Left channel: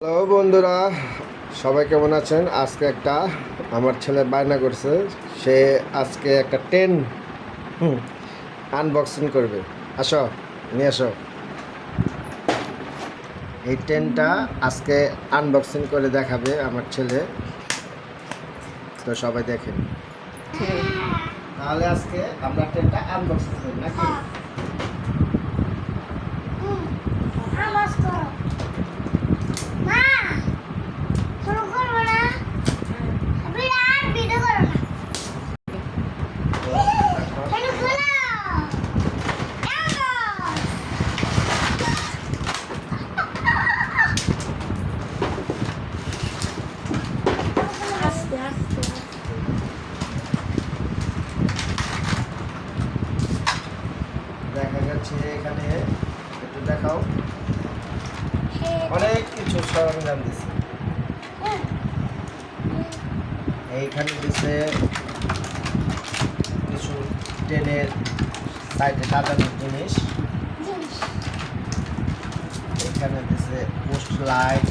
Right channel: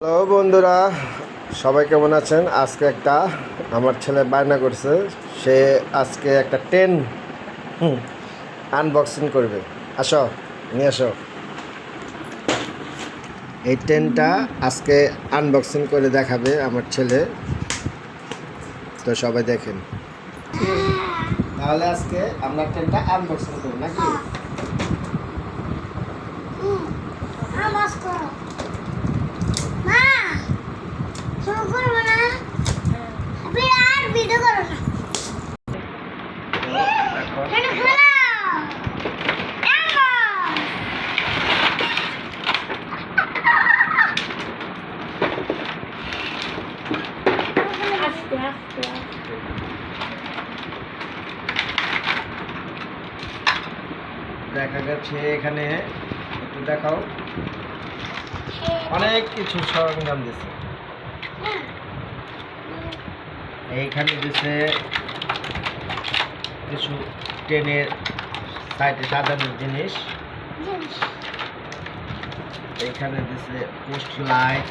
Hello বন্ধুরা, সবাই কেমন আছেন? আজকে আমার ছেলে বায়না করছে, সে আজকে একটা টেন আনবক্সিং করবে। আসো, নিয়ে আসো। এই টেনটা আজকে আনবক্সিং করে দেখাবে আমার ছেলে, তো সবাই দেখেন। তাহলে আজকে আমরা টেনটা আনবক্সিং করি নাকি? মা শুরু করবো না বিরাট ভিডিও করো না এটা খোলো আস্তে আস্তে দেখা যাচ্ছে এখানে, একটু দেখাও, অনেক কিছু সরঞ্জাম দিচ্ছে। এইখানে দিচ্ছে কিছু ট্রেনের সাইডে সাজানোর জিনিস। এখানে দিচ্ছে পোস্ট লাইট,